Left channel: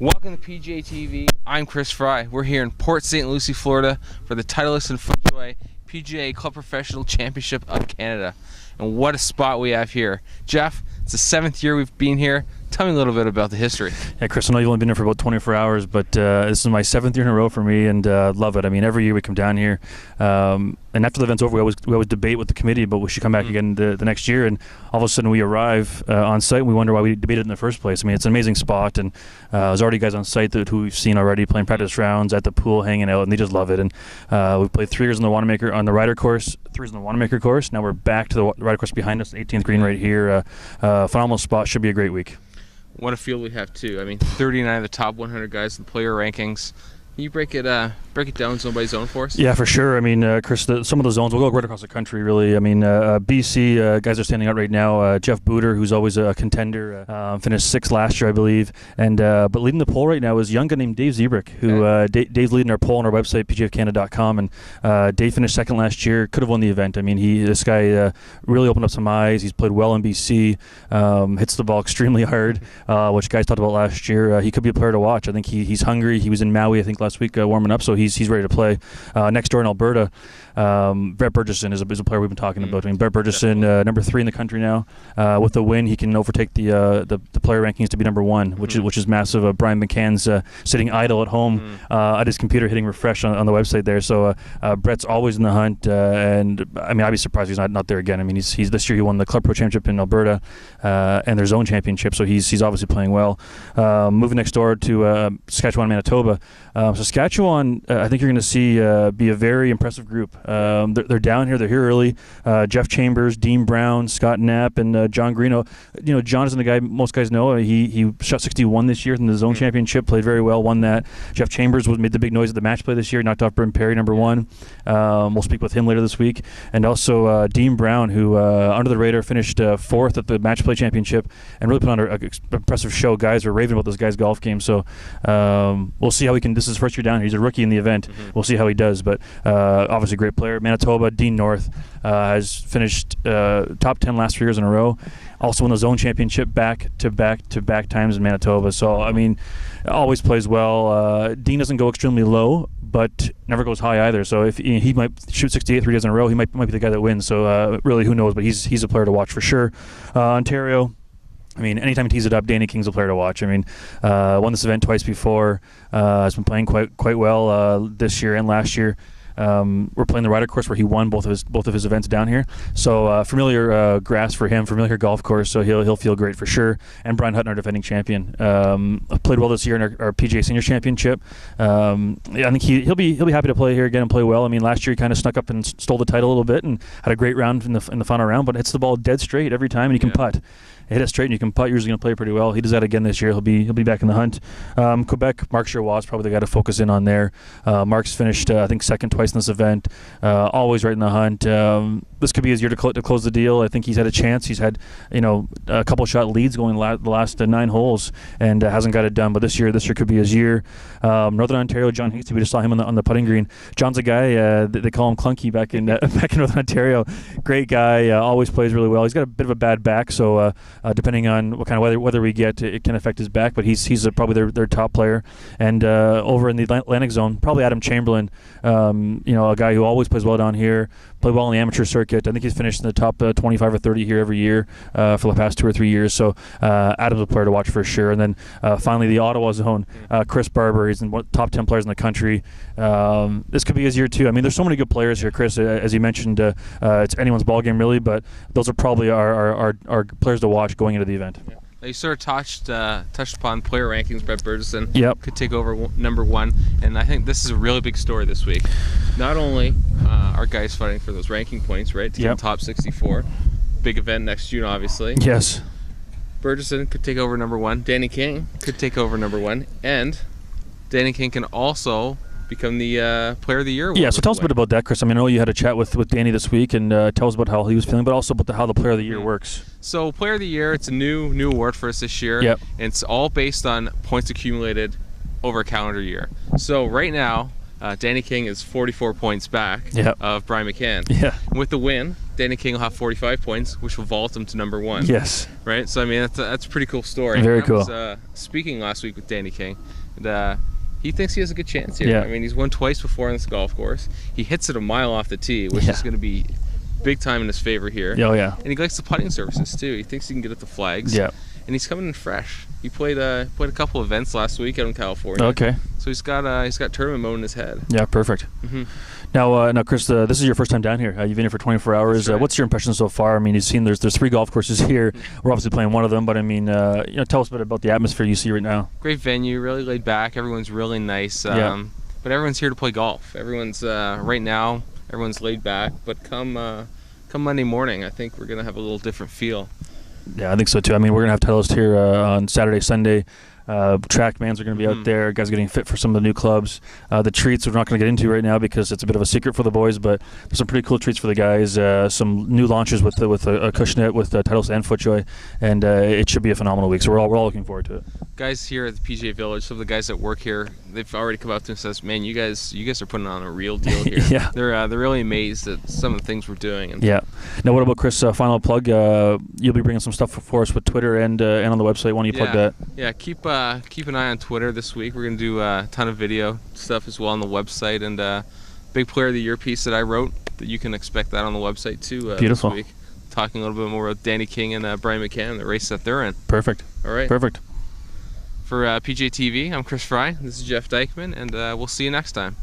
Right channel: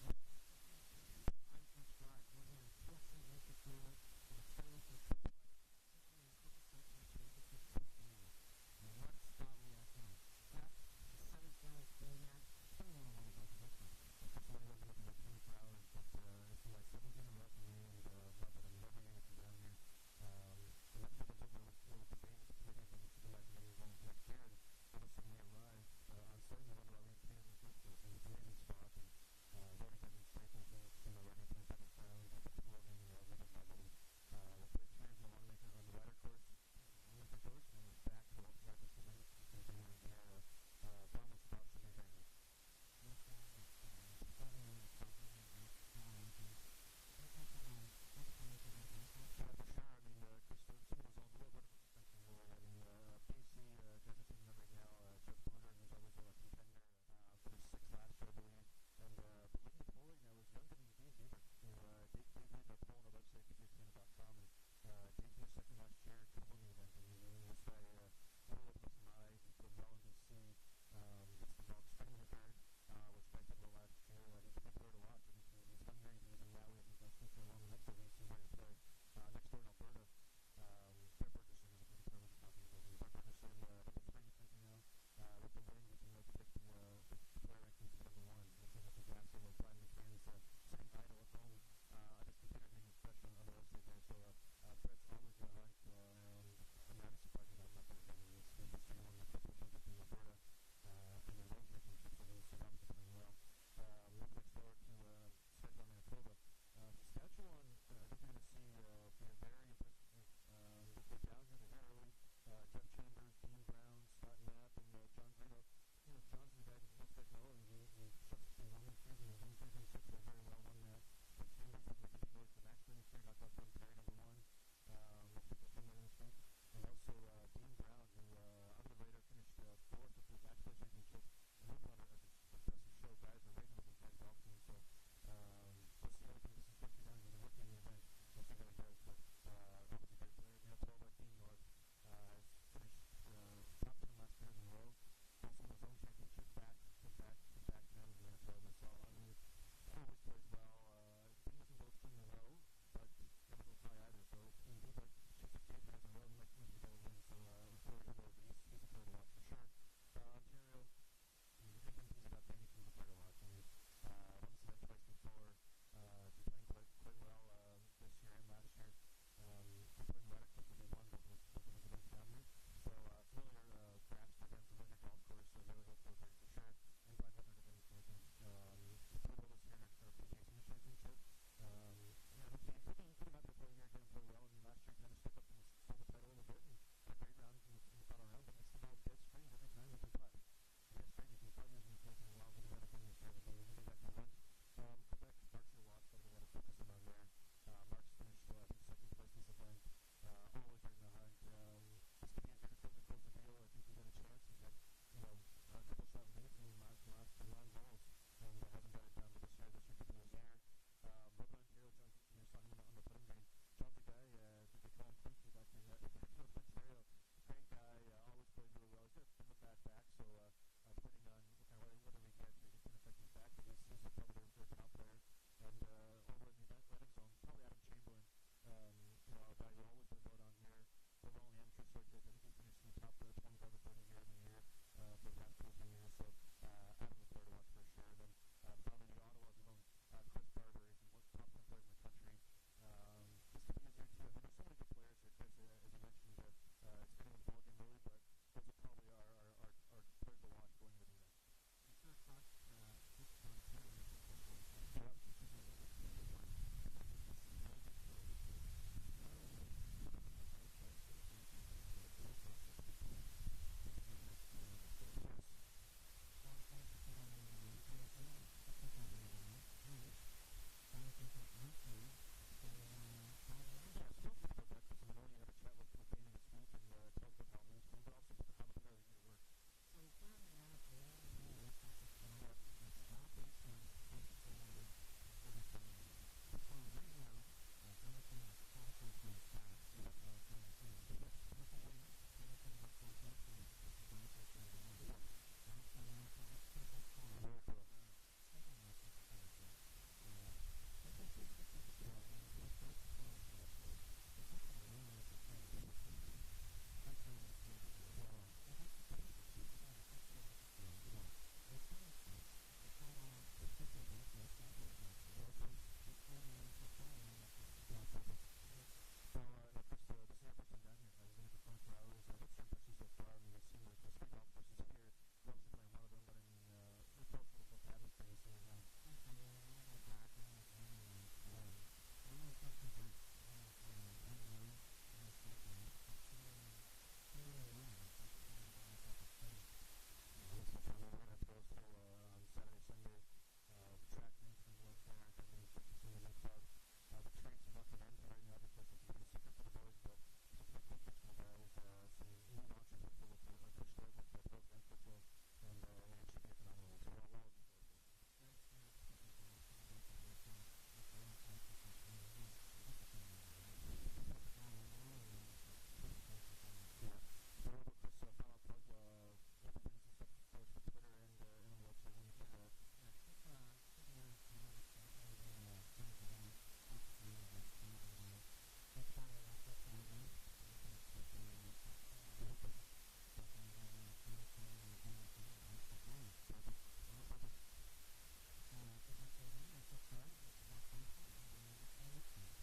Welcome to PGA TV. I'm Chris Fry. We're here in Port St. Lucie, Florida for the Titleist FootJoy PGA Club Professional Championship of Canada. And what a spot we have here. Jeff, it's the 7th year we've been here. Tell me a little bit about the history. Yeah, Chris, I know you've only been here for about 24 hours, but this is my 7th year in a row for me, and love it. I mean, every year we come down here, and after the event's over, we always debate with the committee, but we should come back again the next year, and all of a sudden we arrive on site, and we wonder why we debated in the first place. I mean, it's an amazing spot, and there's already guys on site who we've seen already playing practice rounds at the pool, hanging out, and they just love it. And we've played 3 years on the Wanamaker on the Ryder course, 3 years on the Wanamaker course. Now we're back to the Ryder course behind us, 18th green right here. Phenomenal spot. Should be a great week. What a field we have too. I mean, 39 of the top 100 guys in the player rankings. Can you break it down zone by zone for us? Yeah, for sure. I mean, Chris, some of the zones, we'll go right across the country, really. I mean, BC, guys are standing out right now. Jeff Booter, who's always a contender, finished 6th last year, I believe. And but leading the poll right now is a young guy named Dave Zebrick, who Dave's leading our poll on our website, pgfcanada.com. And Dave finished 2nd last year, could have won the event. I mean, this guy really opened up some eyes. He's played well in BC, hits the ball extremely hard, which guys talked about last year. He could be a player to watch. I think he's hungry. He was in Maui, I think, last week warming up, so he's ready to play. Next door in Alberta, Brett Burgesson is a player we've been talking about. I mean, Brett Burgesson, number 3 in the country now. With the win, he can overtake the player rankings to be number 1, which is massive. Brian McCann's sitting idle at home at his computer, hitting refresh on the website there. So Brett's always in the hunt, and I mean, I'd be surprised he's not there again. I mean, he's this year he won the Club Pro Championship in Alberta and their zone championship, so he's obviously playing well. Moving next door to Saskatchewan, Manitoba. Saskatchewan, I think you're going to see be a very impressive group. They're down here. They're here early. Jeff Chambers, Dean Brown, Scott Knapp, and John Greeno. You know, John isn't the guy most guys know. He shot 61 this year in the zone championship, played very well, won that. Jeff Chambers made the big noise at the match play this year, knocked off Bryn Perry, number 1. We'll speak with him later this week. And also Dean Brown, who under the radar finished 4th at the match play championship and really put on an impressive show. Guys are raving about this guy's golf game. So we'll see how he can. This is his first year down here. He's a rookie in the event. We'll see how he does. But obviously a great player. Manitoba, Dean North has finished top 10 last 3 years in a row. Also won the zone championship back-to-back times in Manitoba. So, I mean, always plays well. Dean doesn't go extremely low, but never goes high either. So if he might shoot 68 3 days in a row, he might be the guy that wins. So really, who knows? But he's a player to watch for sure. Ontario, I mean, anytime he tees it up, Danny King's a player to watch. I mean, won this event twice before. Has been playing quite well this year and last year. We're playing the Ryder course where he won both of his events down here. So familiar grass for him, familiar golf course. So he'll feel great for sure. And Brian Hutton, our defending champion, played well this year in our PGA Senior Championship. I think he'll be happy to play here again and play well. I mean, last year he kind of snuck up and stole the title a little bit and had a great round in the final round, but hits the ball dead straight every time, and he can putt. Hit it straight and you can putt. You're usually going to play pretty well. He does that again this year. He'll be back in the hunt. Quebec, Mark Giroir is probably the guy to focus in on there. Mark's finished I think 2nd twice in this event. Always right in the hunt. This could be his year to close the deal. I think he's had a chance. He's had a couple shot leads going the last 9 holes and hasn't got it done. But this year could be his year. Northern Ontario, John Hasty. We just saw him on the putting green. John's a guy they call him Clunky back in Northern Ontario. Great guy. Always plays really well. He's got a bit of a bad back, so. Depending on what kind of weather we get, it can affect his back, but he's probably their top player. And over in the Atlantic zone, probably Adam Chamberlain, a guy who always plays well down here, played well on the amateur circuit. I think he's finished in the top 25 or 30 here every year for the past 2 or 3 years. So Adam's a player to watch for sure. And then finally the Ottawa zone, Chris Barber. He's in top 10 players in the country. This could be his year too. I mean, there's so many good players here, Chris. As you mentioned, it's anyone's ball game really, but those are probably our players to watch going into the event. Yeah. You sort of touched upon player rankings. Brett Burgesson could take over number 1, and I think this is a really big story this week. Not only are guys fighting for those ranking points, right, to get top 64, big event next June, obviously. Yes. Burgesson could take over number 1. Danny King could take over number 1, and Danny King can also become the Player of the Year. Yeah, so tell us a bit about that, Chris. I mean, I know you had a chat with Danny this week, and tell us about how he was feeling, but also about how the Player of the Year works. So Player of the Year, it's a new award for us this year. Yep. And it's all based on points accumulated over a calendar year. So right now, Danny King is 44 points back of Brian McCann. Yeah. With the win, Danny King will have 45 points, which will vault him to number 1. Yes. Right? So, I mean, that's a pretty cool story. Very cool. I was speaking last week with Danny King, and he thinks he has a good chance here. Yeah. I mean, he's won twice before on this golf course. He hits it a mile off the tee, which is going to be big time in his favor here. Oh, yeah. And he likes the putting surfaces, too. He thinks he can get at the flags. Yeah. And he's coming in fresh. He played a couple events last week out in California. Okay. So he's got tournament mode in his head. Yeah, perfect. Mm-hmm. Now, Chris, this is your first time down here. You've been here for 24 hours. Right. What's your impression so far? I mean, you've seen there's 3 golf courses here. We're obviously playing one of them, but I mean, tell us a bit about the atmosphere you see right now. Great venue, really laid back. Everyone's really nice. But everyone's here to play golf. Everyone's right now. Everyone's laid back. But come Monday morning, I think we're gonna have a little different feel. Yeah, I think so too. I mean, we're gonna have Titleist here on Saturday, Sunday. Trackmans are going to be out there. Guys are getting fit for some of the new clubs. The treats we're not going to get into right now because it's a bit of a secret for the boys, but there's some pretty cool treats for the guys. Some new launches with a Cushnet, with Titleist and FootJoy, and it should be a phenomenal week. So we're all looking forward to it. Guys here at the PGA Village, some of the guys that work here, they've already come up to us and says, "Man, you guys are putting on a real deal here." Yeah. They're really amazed at some of the things we're doing. And yeah. Now, what about Chris? Final plug. You'll be bringing some stuff for us with Twitter and on the website. Why don't you plug that? Yeah. Keep an eye on Twitter this week. We're gonna do a ton of video stuff as well on the website, and big player of the year piece that I wrote that you can expect that on the website too. Beautiful. This week, talking a little bit more about Danny King and Brian McCann, the race that they're in. Perfect. All right. Perfect. For PGA TV, I'm Chris Fry. This is Jeff Dykeman, and we'll see you next time.